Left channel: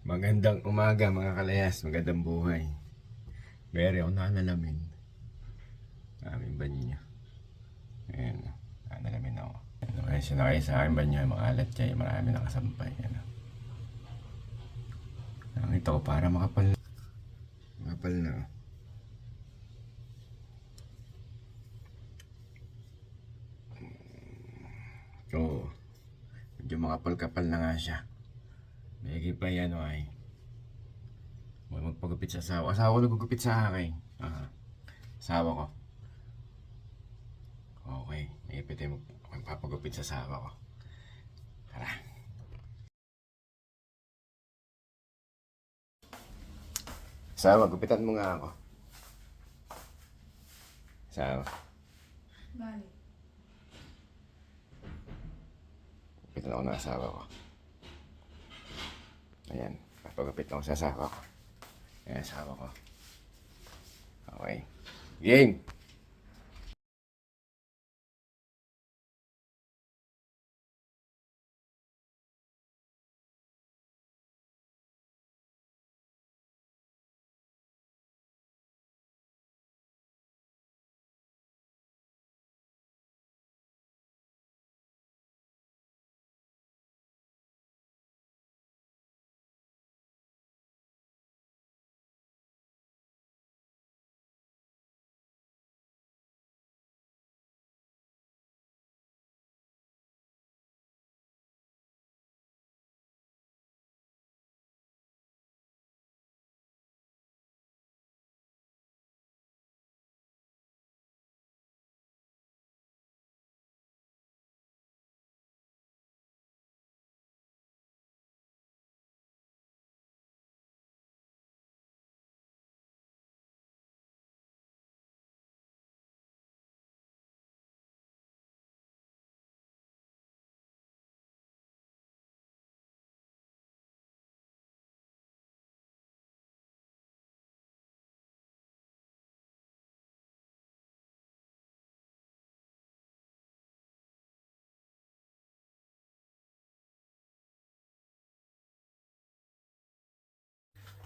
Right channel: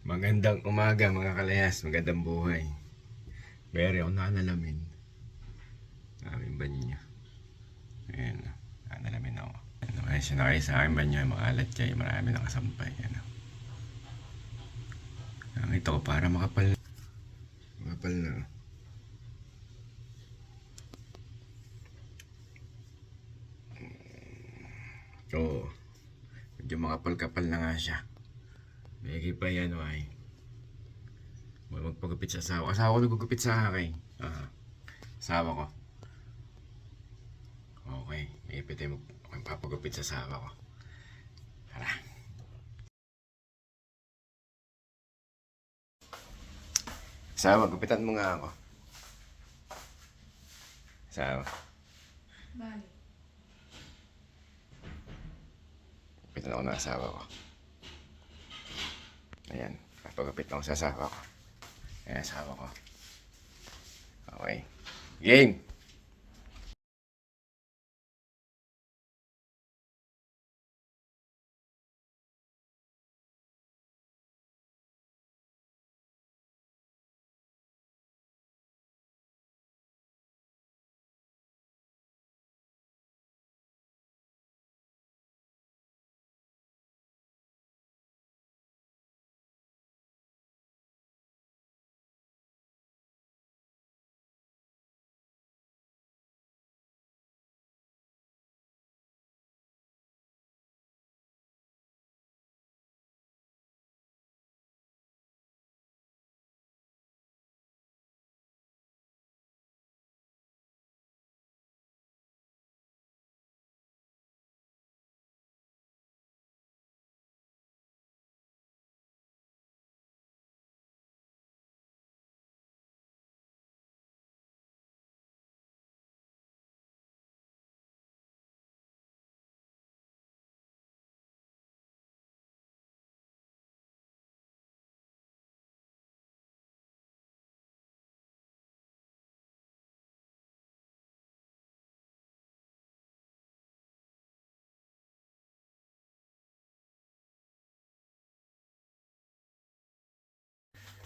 Magandang umaga mga kalayas, magandang buhay. Beri ako nanalamin. Aming banyo. Ayan, nanalamin ako. Ano kaya sinakay sa aking banyo, mga alat kayo, marami nakasampay. Ano. Nakita ko para makapal. Makapal na. Oo. Medyo makapal-kapal na nga siya. May pa yan. May magpagupit sa asawa. Asawa ko nagugupit sa akin. Ah. Asawa ko. Okay. May ipit tayo magpapagupit sa asawa ko. Tara. Asawa, gupitan mo nga ako. Asawa. Bali. Gupitan ako ng asawa ko. Ayan. Papagupit ako sa asawa ko. Ayan, asawa ko. Okay. Game!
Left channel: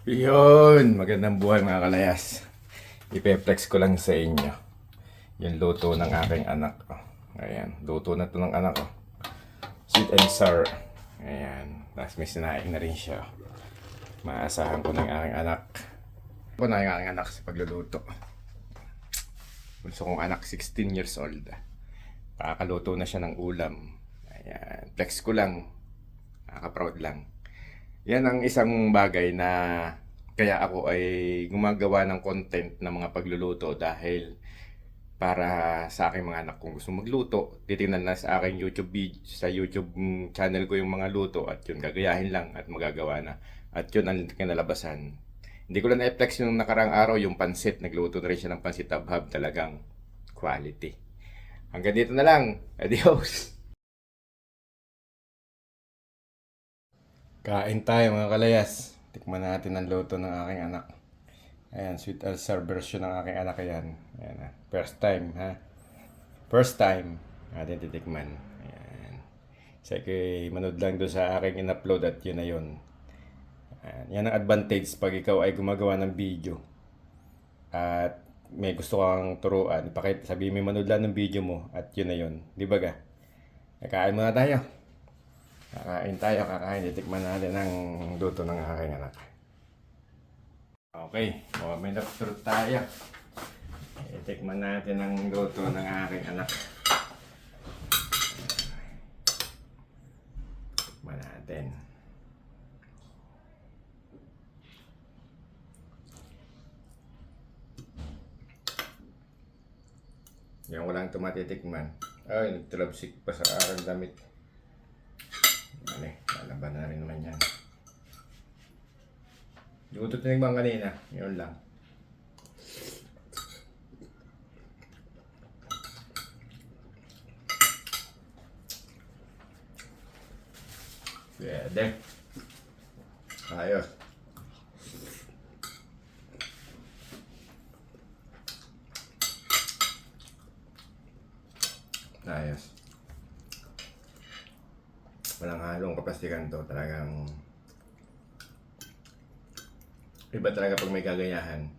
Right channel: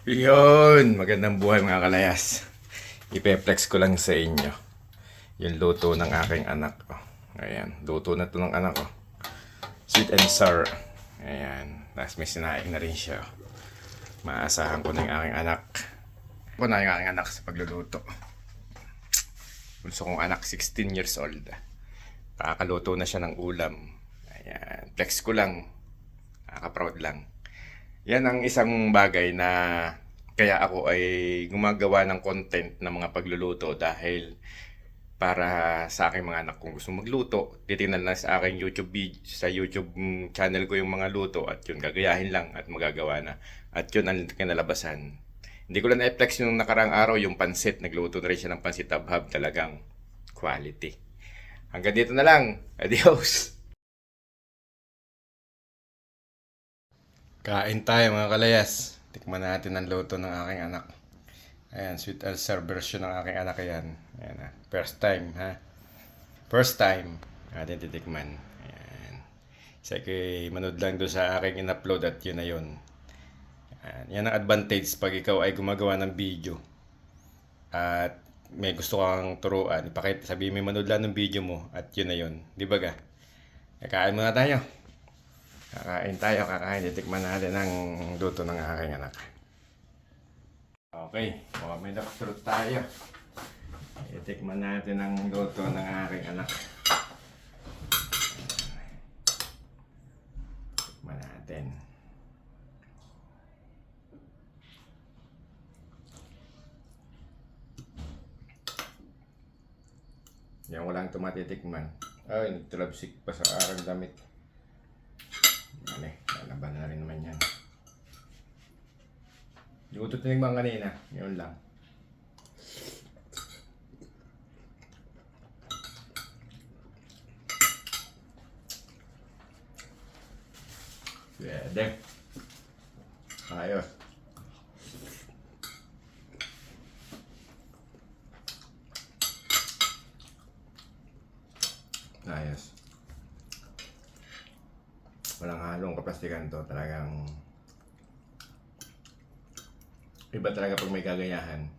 Yun! Magandang buhay mga kalayas. Ipeplex ko lang sa inyo. Yung luto ng aking anak ko. Ayan. Luto na to ng anak ko. Sweet and sour. Ayan. Tapos may sinaing na rin siya. Maasahan ko yung aking anak. Ako na yung aking anak sa pagluluto. Gusto kong anak 16 years old. Kakakaluto na siya ng ulam. Ayan. Flex ko lang. Nakaka-proud lang. Yan ang isang bagay na kaya ako ay gumagawa ng content ng mga pagluluto dahil para sa aking mga anak kung gusto magluto, titingnan na sa aking YouTube video, sa YouTube mm, channel ko yung mga luto at yun gagayahin lang at magagawa na. At yun ang kinalabasan. Hindi ko lang na-flex yung nakarang araw yung pansit. Nagluto na rin siya ng pansit tabhab talagang quality. Hanggang dito na lang. Adios! Kain tayo mga kalayas. Tikman natin ang luto ng aking anak. Ayan, sweet ulcer version ng aking anak yan. Ayan ha. First time ha. First time. Atin titikman. Ayan. Sa kay manood lang doon sa aking in-upload at yun na yun. Ayan. Yan ang advantage pag ikaw ay gumagawa ng video. At may gusto kang turuan. Ipakita, sabihin mo manood lang ng video mo at yun na yun. Di ba ga? Kain muna tayo. Kakain tayo, kakain. Titikman natin ang luto ng aking anak. Okay, moment of truth tayo. Titikman natin ang luto ng aking anak. Tikman natin. Yan walang tumatitikman. Ay, nagtalabsik pa sa aking damit. Eh, lalaban na rin naman yan. Hindi ko ito tinigman kanina. Yun lang. Pwede. Ayos. Ayos. Kaplastikan to. Talagang Iba talaga pag may gagayahan.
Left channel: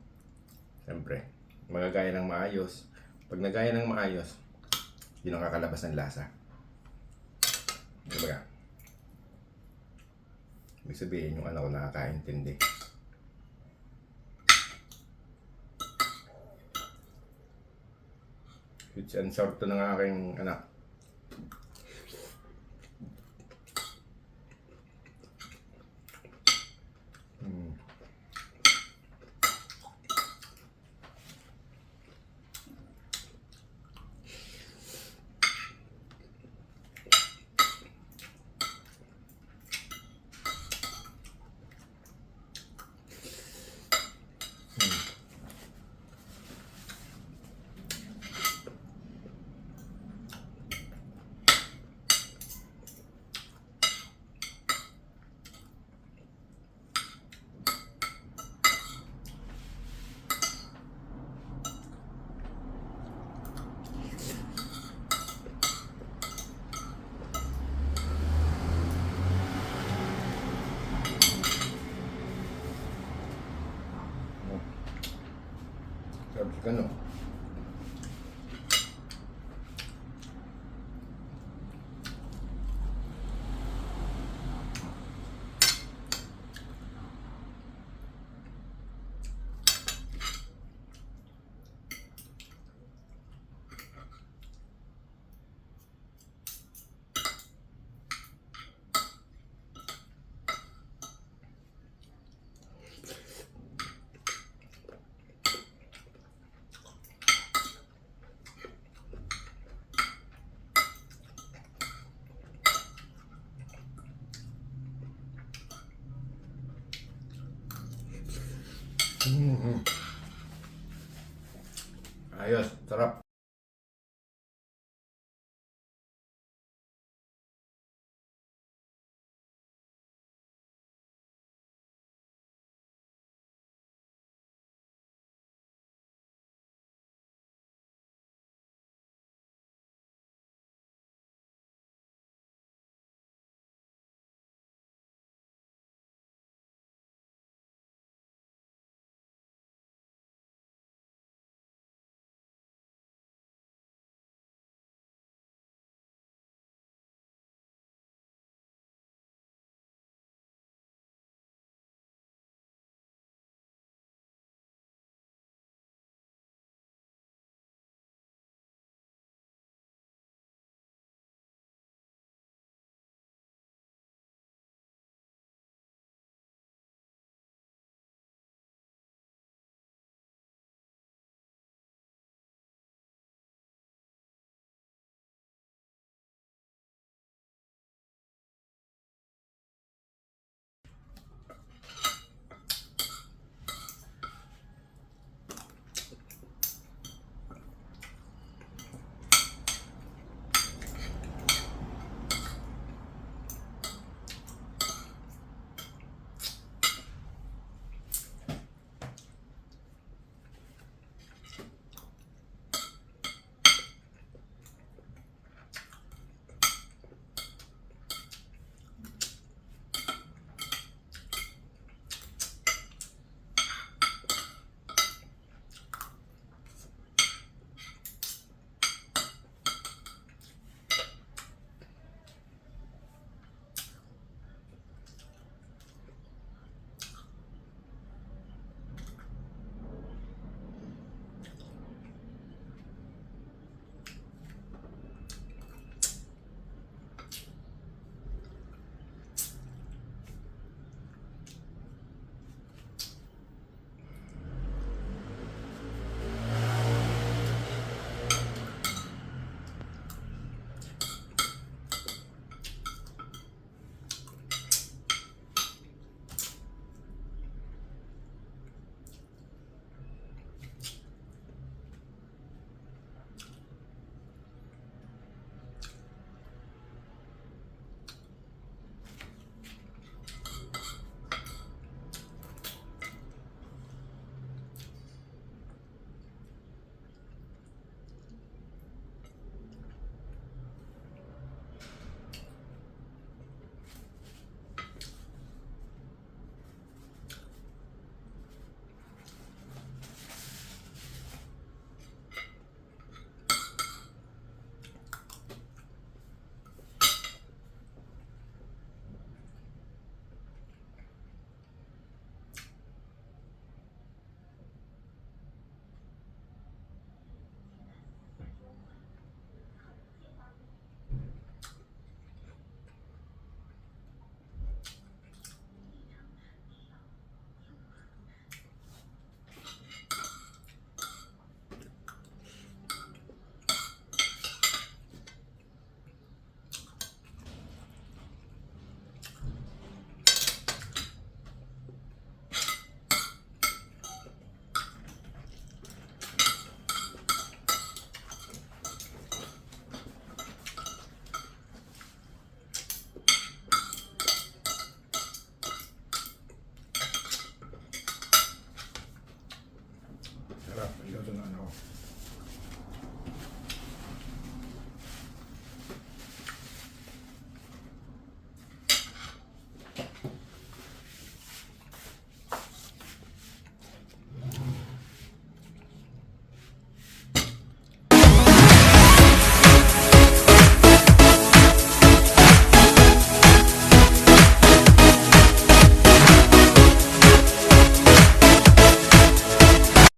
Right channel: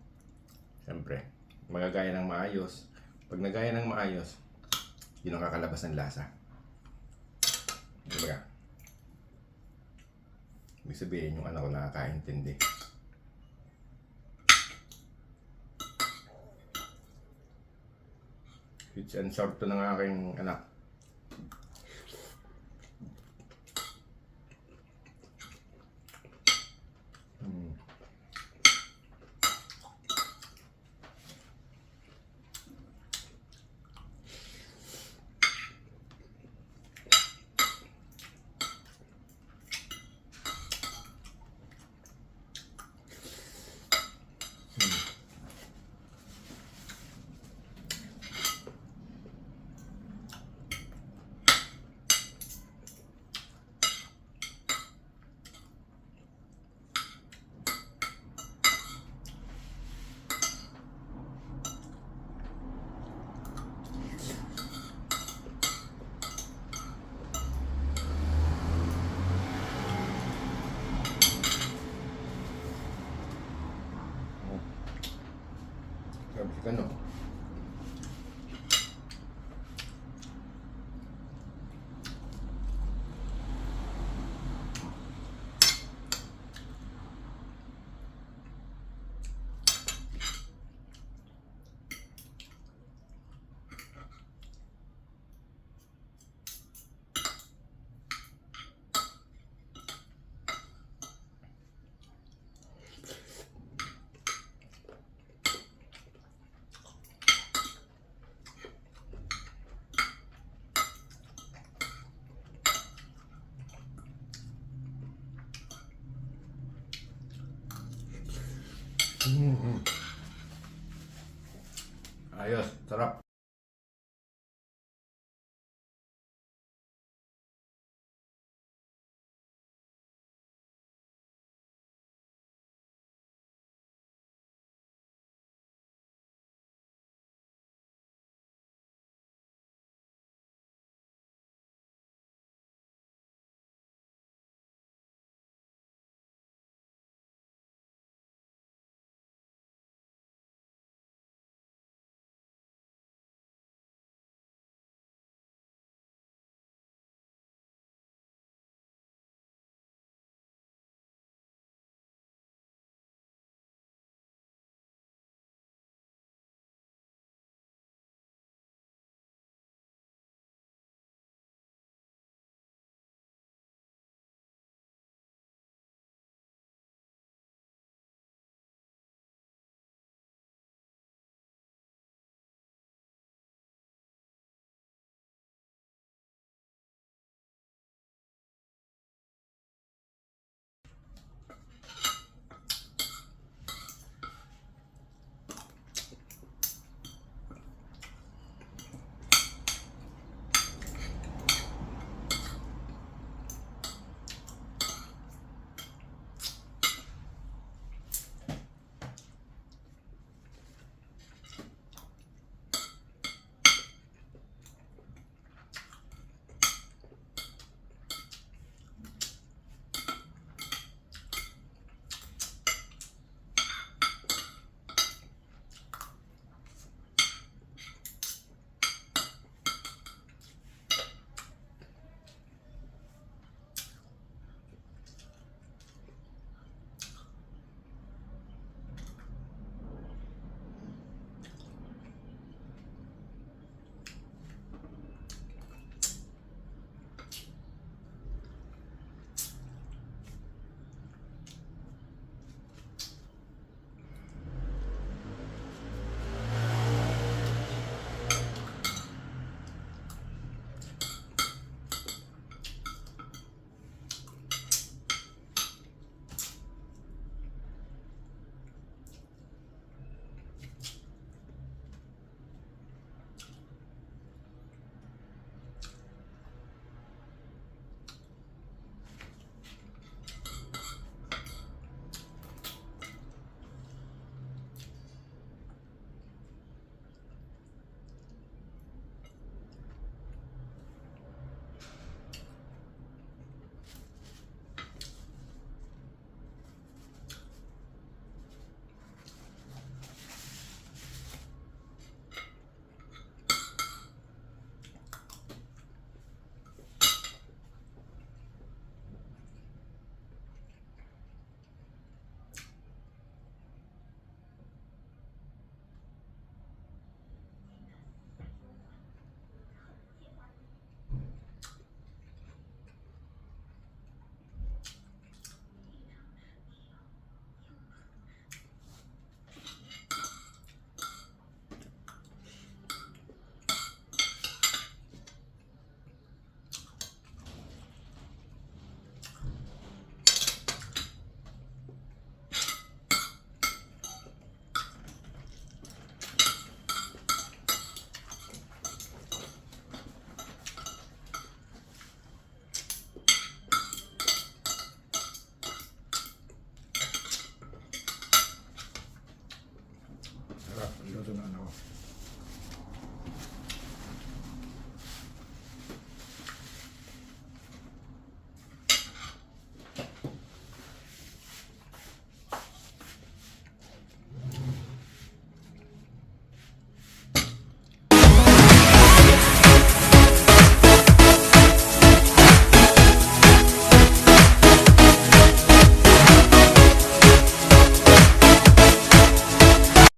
Siyempre, magagaya ng maayos. Pag nagaya ng maayos, yun ang kakalabas ng lasa. Diba ka? Ibig sabihin, yung anak ko nakakaintindi. It's and sour to ng aking anak. No? Mm-hmm. Ayos, sarap.